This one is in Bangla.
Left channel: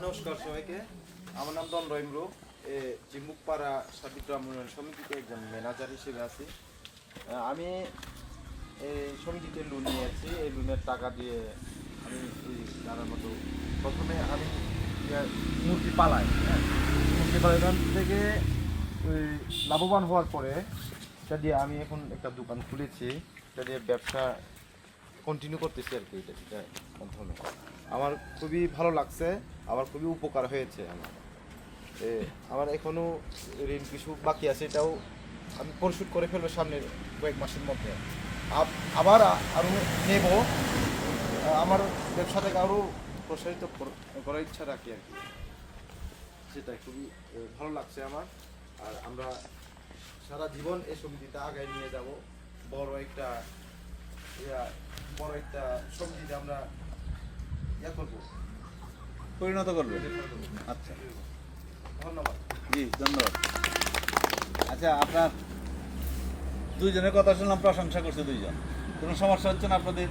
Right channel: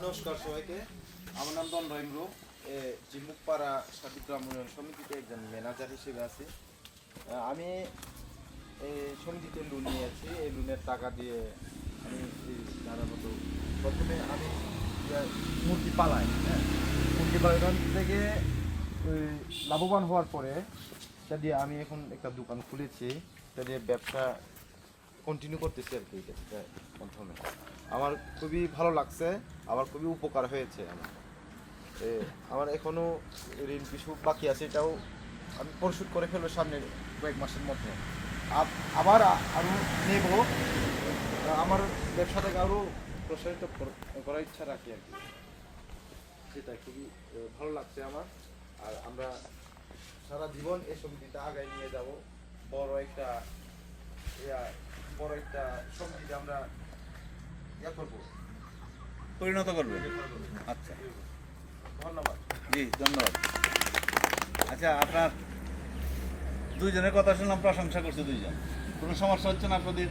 নমস্কার সবাইকে। আমার নাম দন্ড ইমরু। জিমুকপাড়া সার্বিক গ্রাম উন্নয়ন সমিতিতে একজন ম্যানেজার হিসেবে আছি। আমি এই সমিতিতে লোন নিয়েছি। এই লোনের টাকা দিয়ে আমি এই দাঁড়ার মতো প্রথমে আমি মুরগি পালাই। মুরগি পালন থেকে লাভবান হওয়ার পরে সেটা দিয়ে আমি এখন একটা দোকান খুলেছি। সেটা দিয়ে ব্যবসা কন্টিনিউ করতেছি আর কি। এটা প্রথমে আমার খুবই ভালো লাগছে, আমার খুবই উপকার হয়েছে। আমার এখনও ঋণ কিছু বাকি আছে, এটাও আমি পরিশোধ করে ফেলবো সামনের কয়েক মাসের মধ্যে। আবার আমি নেব। আমার ব্যবসাটাকে আরও প্রসারিত করার ইচ্ছা রাখি আর কি। সেটা খুবই ভালো লাগছে আমার। আর আমরা সারা জীবন এই সমিতিটা আগায় নিয়ে যাব। বড় একটা সমিতিতে আমরা করবো, পরিণত করবে। আচ্ছা, ধন্যবাদ। জি ধন্যবাদ। আচ্ছা, আপনার দুইজনের কথা শুনলাম, প্রশংসা করছে দুইজন। কোনো সমস্যা হচ্ছে না আপনাদের?